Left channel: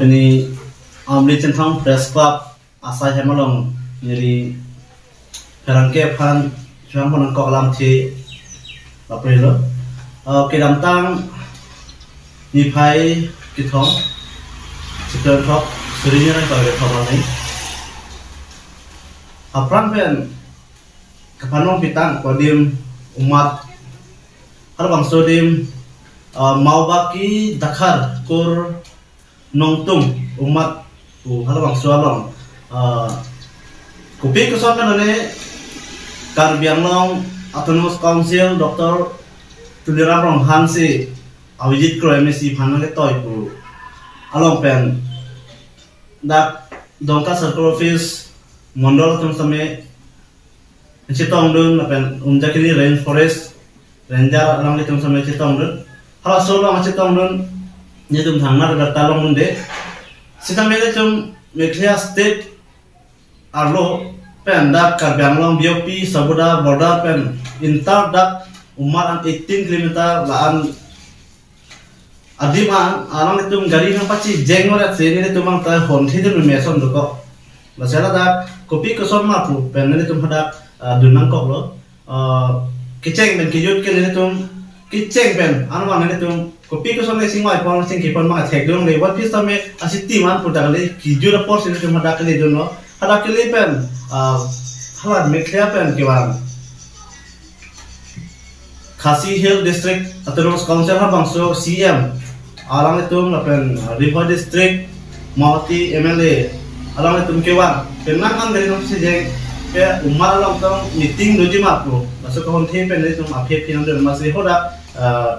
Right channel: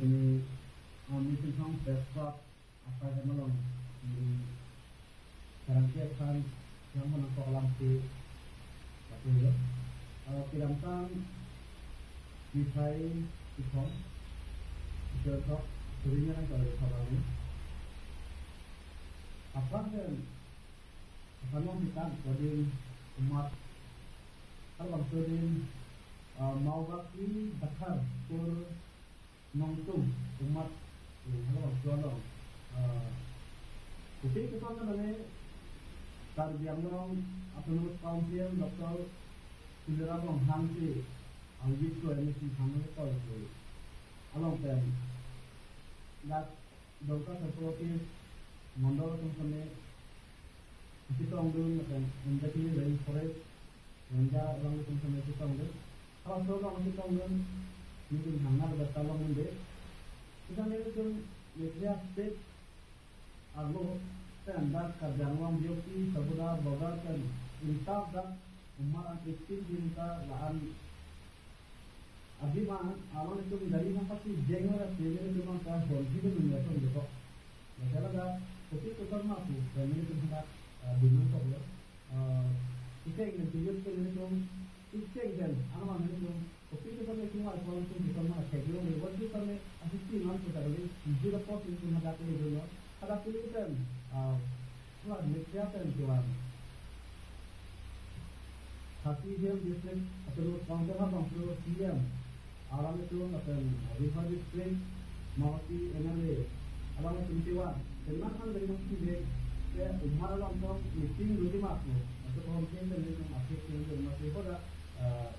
Apni amli centang press club asai hemalong jadi perangke pan cuma menangkok lam ti Aprilo kedam tang nipai kitong sekian top serinya nak kalau top ini apran pen kapanong pitang kodim umat hal bangsa dim mau baki dakar kur nongtung umat hal bangsa long kopi kesokan ane Karbiang long Autonomous Council Dr. Tuliram Rong Hansi Awijit Kro MSC Panang Toy Pu along pen dak dongka circle office mondol tum same Chitong dun pen umjakini rainforest ranger along tum same Chitong dun hala solo ang Chitong dun nyetum thangna da talong munde sitamele tum Meghalaya state arlo pen dak Karbiang long BOP Sabuda border pen intar dak umar 18 km laan adima alang itu gari nang paci jengorat sini itu mang ta hon thidun meson doko lasela dak kopi koson ma pu pen itu hadak dunang kok lo kiceng ben kijut ke itu kiceng pen anwang itu kopi koson le singwai pon sing kipon ma thek dong le wat pis tame asiti man pudak le kijut por sini itu hadak le dono hadak le pen halat Meghalaya pen kiwan Khasi Hill District Autonomous Council ha bangso CM alang itu ngapen River District Mawati MLA alang itu kewan kenang kan dari nong sejeng ke umar alang tong meeting doji mapu masuk ke honte pen itu aphe pinang dan masih hoda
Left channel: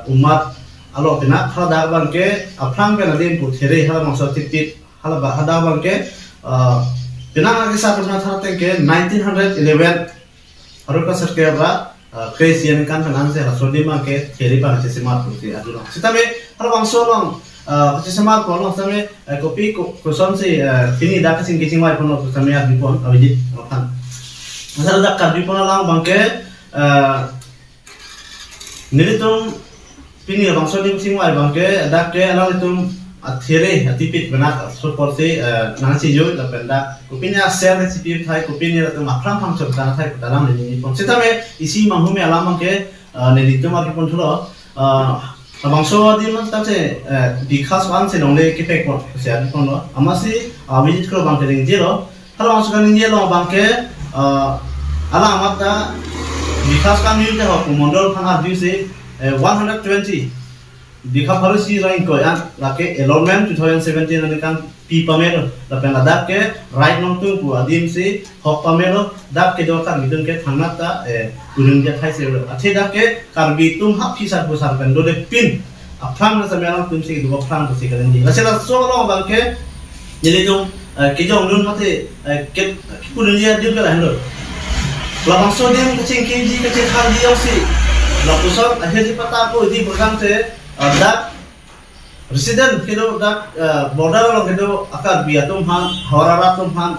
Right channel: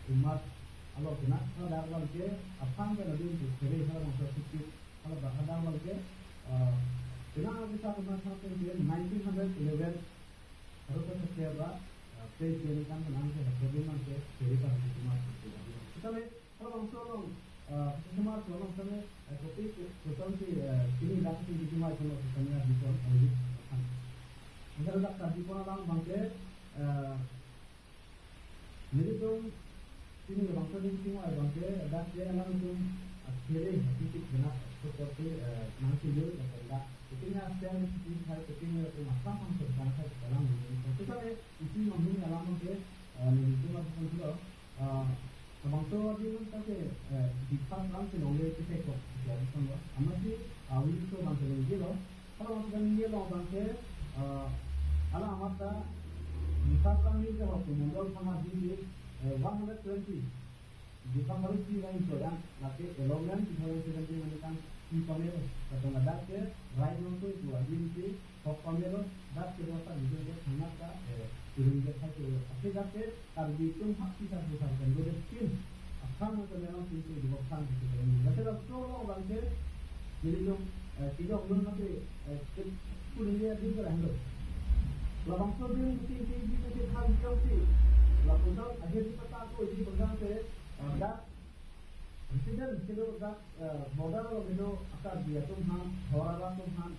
umat alo pina hada bangke aplang pen adim pu there ha bangso tipit hala hada bangke pinang agi sa pernah tharte ke 1911 haruka sarkera Kresian kan dengan saya rasodi make ceri bang sesemat putih aduh sitame kalau bang solong sesemat pun sitame kopi koson si ini dah kesing kesing mai pun sitame adi pun awiji kan asal dah kadi pun lang bangke nilitum pini bang sodi kesing mai bangke dah ke lang litum athire atipit benak support si nasi jo da penda kopinya share recipe thai kopinya tu makram phang chok tan thai dalam ni pon sitame isi manghume alam ke nelitum agi pon thulo bangso di man ta se dikhas wan se nongle ke pek pon se adi pon lo amasi visit kro bang ke jelo halo bangso kan jelo bangke ala amata dikhas kan ni te ho mondol phang adi se 120 Dikha Pharusi Rain Koyan lake enrollment 2017 ani kan pi pamero lapen adak ke right nong tung pu adim si hok pamero dak ke dokar midun ke thangna ta unung ja thai se athe dak ke karbi tum hap fisar pusar kan dole pin aphram na samelang tum si du aphram ko si kan ji lasela so lo bang ke jeli tum ke jong nun mate ke punun ya dim ka hando labang so dim ke ching ke ji ke che khal di si la pusar ahe ji pata ko di program te dak resident kedo dak border lo kedo akar biatum han horaratum han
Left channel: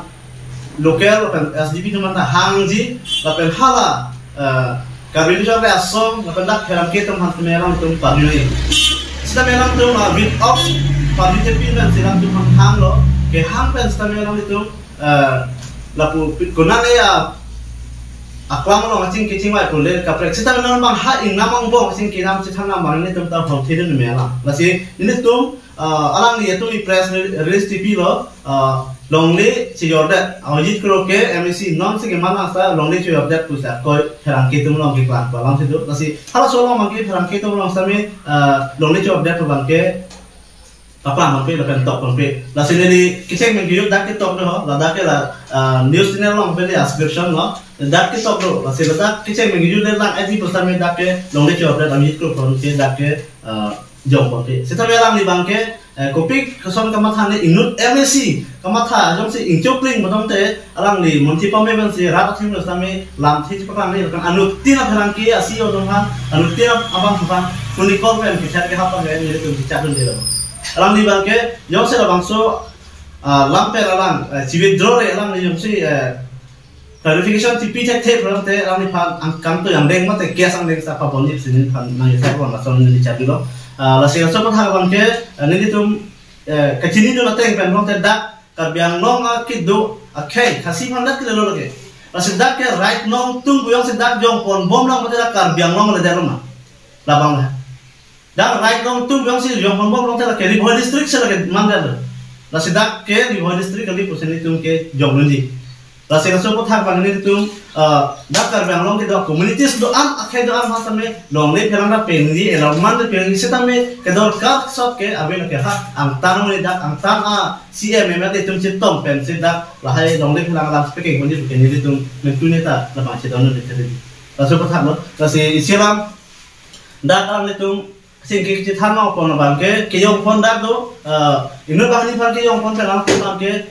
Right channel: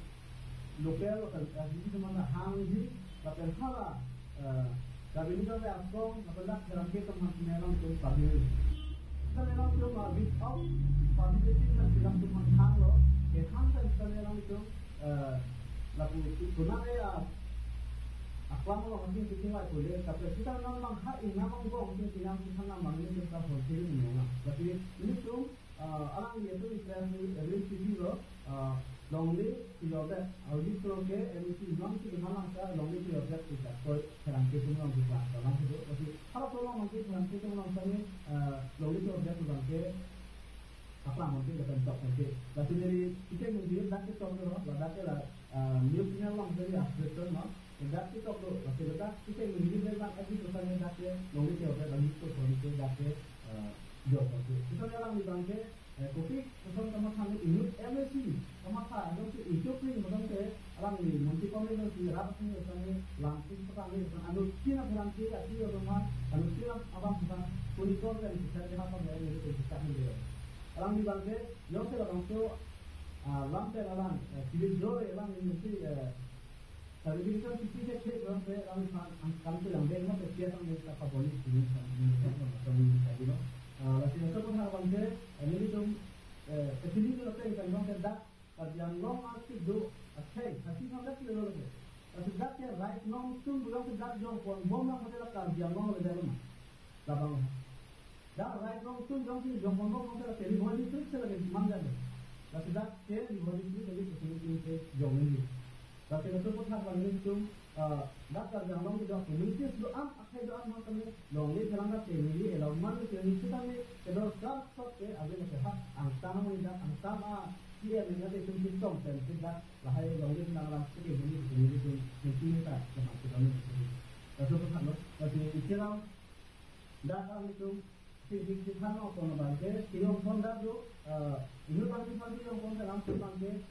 local kan SDP teman ta hangji lapen hala kabin jobe asom lapen dak heram ketum han temelang tum paduni sita melang tum bit of paduni pin dan silang tum hang lo ke hang pen sita melang itu lapu gunane ya aklang lo macing kicing wai pulen kaprek sita melang bang ha ing namang bong sing kinam sita namang ini tum ta hong thidun mela lasi ini tum alang ni itu i press release TV lo longli si yordat awjit kro ke MEC non si gemana sa longli si yordat pusa ko herang kitum long ki klan balang situ lasi hala solo mangki herang kitum long sami longli si yordat bang ke apa mampi lepen top mampi lasi ni kicing menggiyut dak ki top lo la dak la news channel long pe subscription lo dak ki top lo lasi dak kicing menggiyut la adi pusame dak ke longli si yordat awjit kro kon ke dak ke jom mampi sita melang ni bang ke kopi keson kamatha ni inut MEC kamatha jom si ingchopling bodom te alang li monti pame ban si rat thim lo sami lam thi pakang ni kan anut tina pharang ki asi odong han anut tina abang phan funikol pen ki chat ke hapa ngai ni tu chat dun dilo alang ni bang ke jom se bangso lampe alang civet draw re alang ni jom si clarification tipi tek tek ram te alang ni phan angkam to yang deng mate kes ang deng sa pa bonjip sinin phan nang sa pon la son ni chat dilo la sing so patha bang ke nili tum kecini do nateng pen long dak karbiang long kidu akai khasi mandat kilelo lagi sedak ke right nong tung buyong sedak jong pon bom long dak karbiang long le daruma labang lah dak right nong tung buyong si jong pon bom long dak ke Riboy district se lagi mandal la sedak ke Riboy district kali pusen tung ke jong nunji la se so ko thak bang ni tung dak karbiang long ke do communities do am akai do am hasame long le pherang da pengi elman de pengi setame ke do kap sop ke aben ke ha ang tan ni dak ang tan CM memang tung citom pen sedak lahai long le pherang lam speaking ni ke ni tung mentu neta la ma che don de ke la so ko thak lo la se isiram dak ang le tung sing ke ci than no pon bang ke yong pon dak do inu bang ni phan ke yong pon pherang pon ke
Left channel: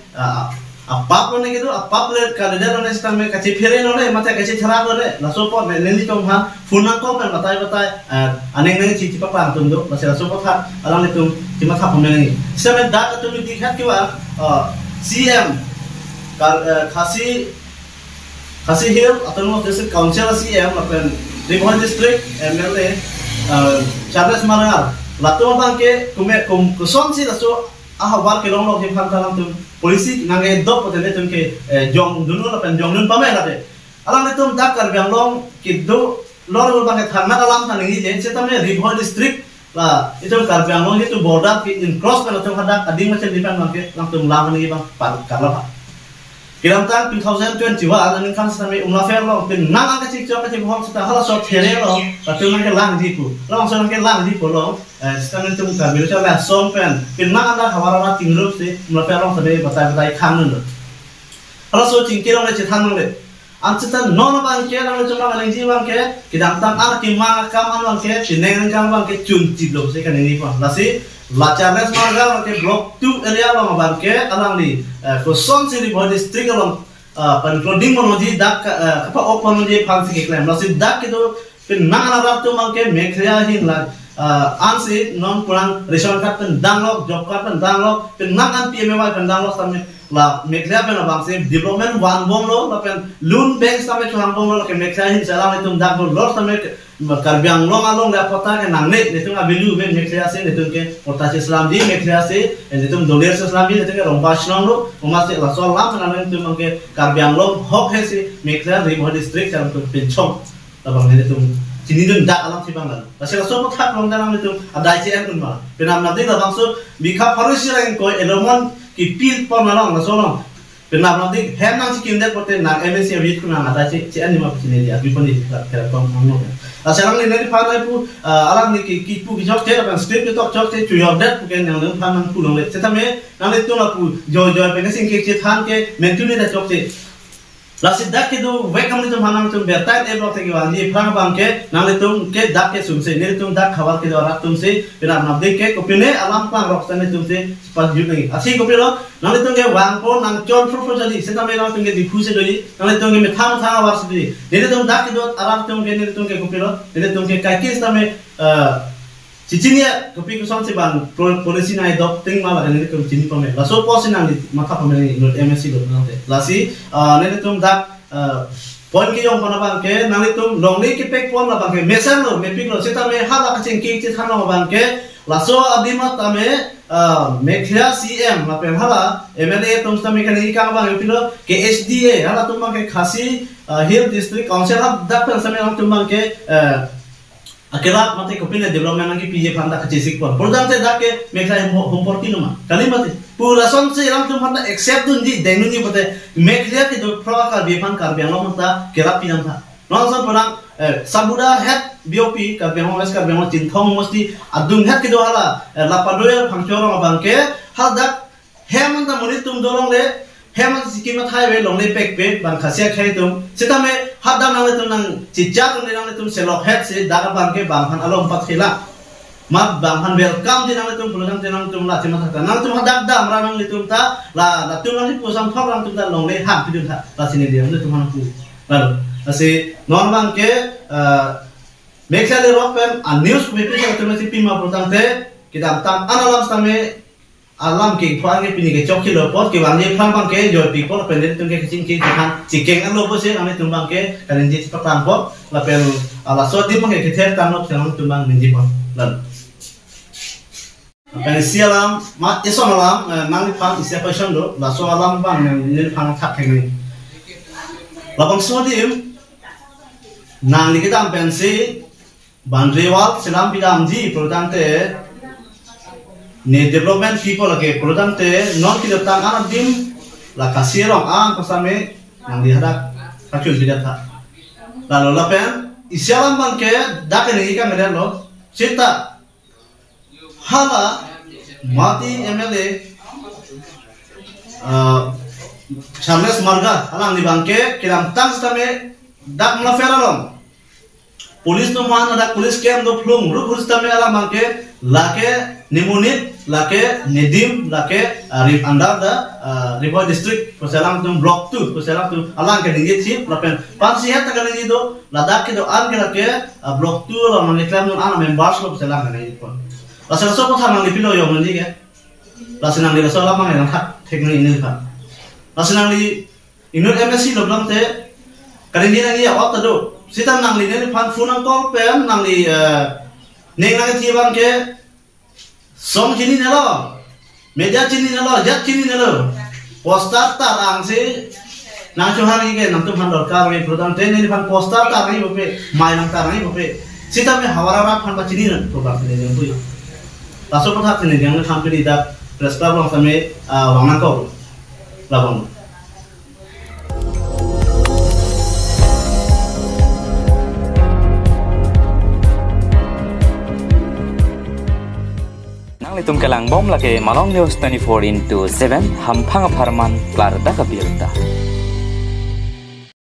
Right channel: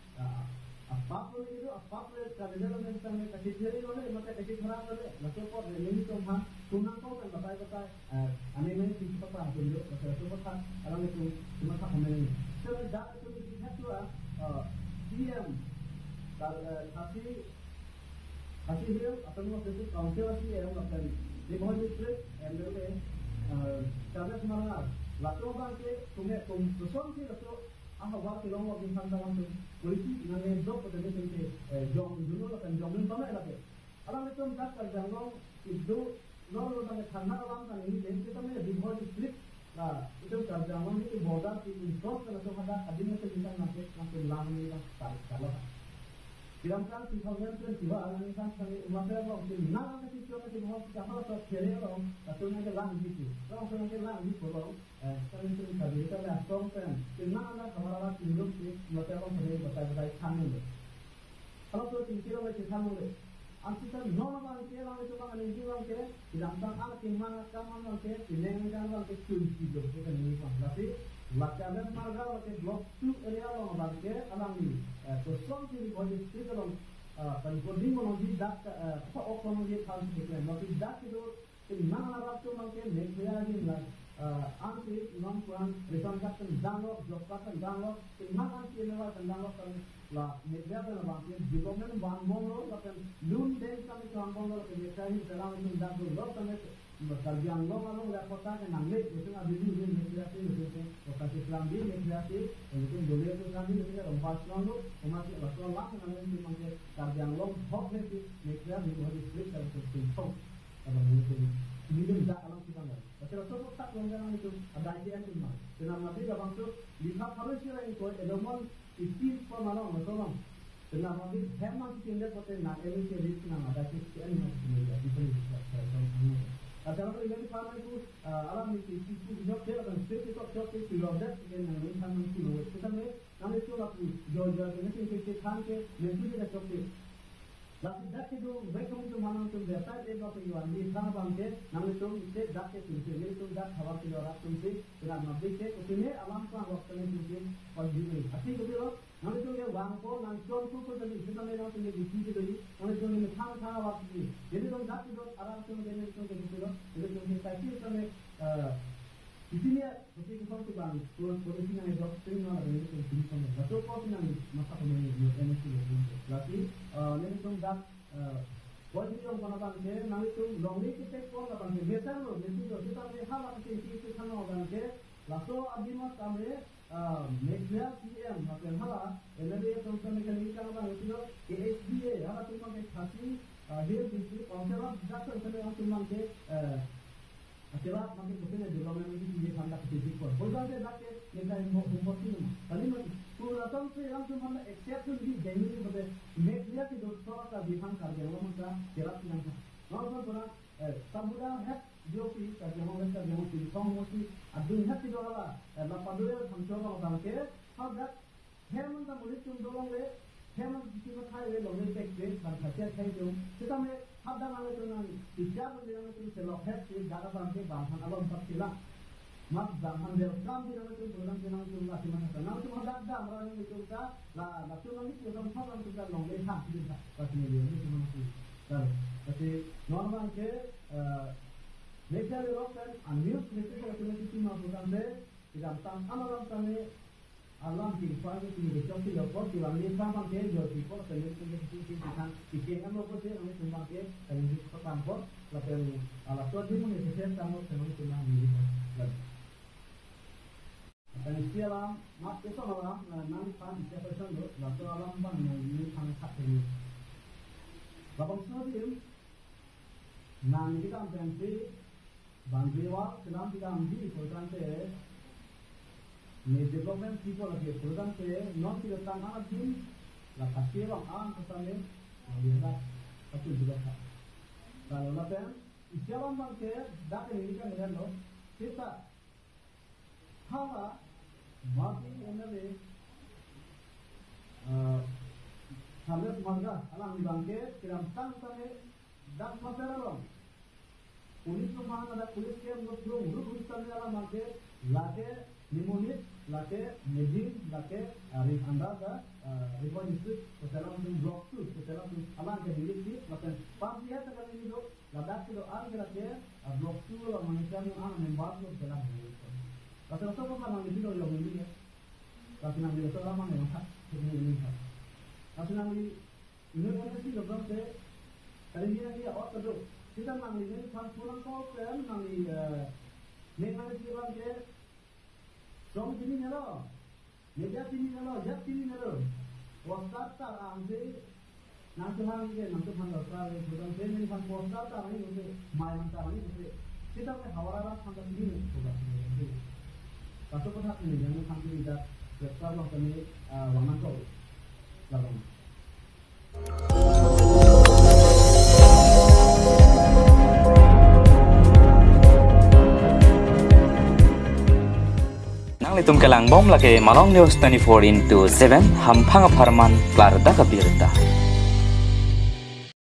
apap lo gitu apap le kalender lo nestam me kaci phere no le mata kaci thara lo le la so po ne ni tong han funan ko pen batai aneng neng ci pa tum do la so po tha alang le tum ci ma tha pom ne semen da tum di khat ki wa CM khasi hill autonomous district council CM la pen Riboy district MLA Charles Marangal la to bang ke ku som si la so war ke long lo ke phan talang tum polisi nangai dop pote tum ke jong dunu la pen jong nun pame la de alang le tum dak karbiang long ki do lor bang ke thana alam than ni je setame Riboy district la itu karbiang long itu border ki in cross pe tum hadak ading macam dipan bang ke lang tum lam ni bang par karla kiram tan 2021 aning kan sami fair lo pin nang ka cik chok ka cik hom sta hala so there lo tum ke lang di pu long so ke lang di pu lo sekarang tum ka biru cha la som pen pin nang anda hawara tingrup se fair long sabe batai kham nun hala so cing kirong le chithan le antan non bang ke lang le chuma lang ji bang ke kidang tang an ki ma kam an bang ke sineng kang bang ke chun ti lo se kan ni pa la si la Charles Margal ke block 2 area lo bang ke alang ni ko son si Riboy district lo pan clothing monoji dak apa open monoji phang si ke claim la si dak ke do pin nang ala rap tu bang ke mekhria hin la ansi non kurang reson kat pen danglok job kat pen danglok pen nang an PMY pen danglok same la mekhria pen bang se development wan bom lo la pen loan bank same chuang bom lo ke mekhria hin salam tum dak lo lor same karbiang long along la pota ke nang ne tum abilu be mekhria se tum ke pota se islam di mekhria se tum doler se islam di tum ke romba shlong lo oma se la so lam na tum ke karbiang long hok he se mekhria Riboy district jam tum pin chong la bang ne tum sini dun dak alam si banglan pasal so mo thak long danam itu ada ICM kun ma penam nadi la bangso bikha pharusi rang ko elomon ki pil pon na long so long penam nadi hem nang sikim de pote nang MNC wit kun na ada ci ani ma pisine dia bipon di kera kom mo asalang ni nari phanai pu alang ni ki pu ki jok te ban state ki tok jok te chu yob dat ken nang nang phan nang pu long le setame nang le tu la pu jo pe sing ki che than ke mentu ni da jok te la sidak ke do welcome tum hanam tum bertai e block ke wani phang bang ke nang le tum ke dak ke sum se ne tum dak khawar ke do rak tum se pina nam de ke ko pine alam pang rok sane tum se pas ju ngi asi ko pilo nang le tum ke wang po nang chon pro jali se tam nang tum ke di phuse do ji nang le tum ke me thang war se di ne tum dak ke do aram tum ke ne tum ke ko pilo ne tum ke kai ke stame cicinnya kopi kuson si ban polisi na idop ting malah ini kum cini pome la so posin nang di mata pome ni not MSC do nang te la si ne tum dak pon ki yong pona bang ke nang tum long ni ki pek pon la bang ke mesan lo me pik lo sita me hala ka cing ki ci than lo bang ke la so adima tame mekhria CM la pe hala MLA tum sta me kan ni ka bang pilo ke SDA hala tum bang ke khasi hill district council hab dak pen same tum bang ke akhirnya mati kopina development lagi PJ panda kecil pun. Program saya dah ke mekhria homporti nama. Kali mati. Purasan saya orang tu panda accept tu ni dengu ni betul. Mekhria itu pro akar bipan karbiang lo mata kerap pinang ta. Langsung perang sabuda head BOP karbiang lo karbiang lo cintong mesti adung head kita hala. Lapadoya pangcoro bangke hal dak heman ta muni tum dorong le. Heman sikimat highway long le pek pe bang khasia khai tum sitame hadam nang le tum nang cijar nang le tum selok head se daga bang ke bang han alom pat khila mat bang han welcome di nang le tum pulang nang tum la cimat ta nang tum hadak dam ranang le tum ta la tum nang pusam thok rang tum ta long le han pidun ta la sini dia le tum han pu lalu ase non bang ke mekhla le rock pen a news mepi sa tum si pima protang te kita tam analam stame alam ke phang ke pini ke chok ki lo pot ke wang ye phang bang ke jo pi pot pen tum ke ching ki han chi keng an lo po se ame tum bang ke kan ji pa pang pot la pen ala so di bang ke ther tan no tum bang ni ji pot lan Penisialam, mat isomalam, nang pang isia question do, la so alam bang nang pang tak tengi. Labang sodim, nang kita pensi, bandrewal selam bidam di, produante, ne development people lagi, produante, non kita tang anak dim, la kasirong ang pasame, nang dihadak, kacul bidat tak. Lalu lapen, isialam bang ke, dak ini kan melihat lo, cerita hala mati MLA Charles Marga halang di bangke kiram tang stame dak melaferalom polis tu mana dak polis kem do plung ru polis stame alang bangke lake nimunit lake nedim lake rip andar da river district peselang tu block tu peselang tu alang ke dingit sip lapen pansihat tak kali do ladak ke do an ke lake block tu la mangiklam nun ana members lo peselang ke ni pun. Lalu so kau nang dipilo yang mana ke? Lalu nang di lalu lama yang tak teknik ini kan. Lalu nang di inut MSc lo belum te. Kali ini nang dia awak tu. Siapa nang di ni pan phone call pen nang di neng nang tiang ke. Song cini nelo, meja cini nelo, jat cini nelo. Poster tarang si. Nang cuhar ini ke nang tu pan dorkar ni program te ni pan poster tarang ni bupe, main nang tarang ni bupe. Siapa me hawara pan bacini ni program ni yang tu. Laso patah ini yang company dak prescribe lang sampai wangan kau labang. Nang litum kelang bom lagi Malong News 24/7 hampang aparman klar dak kabirta.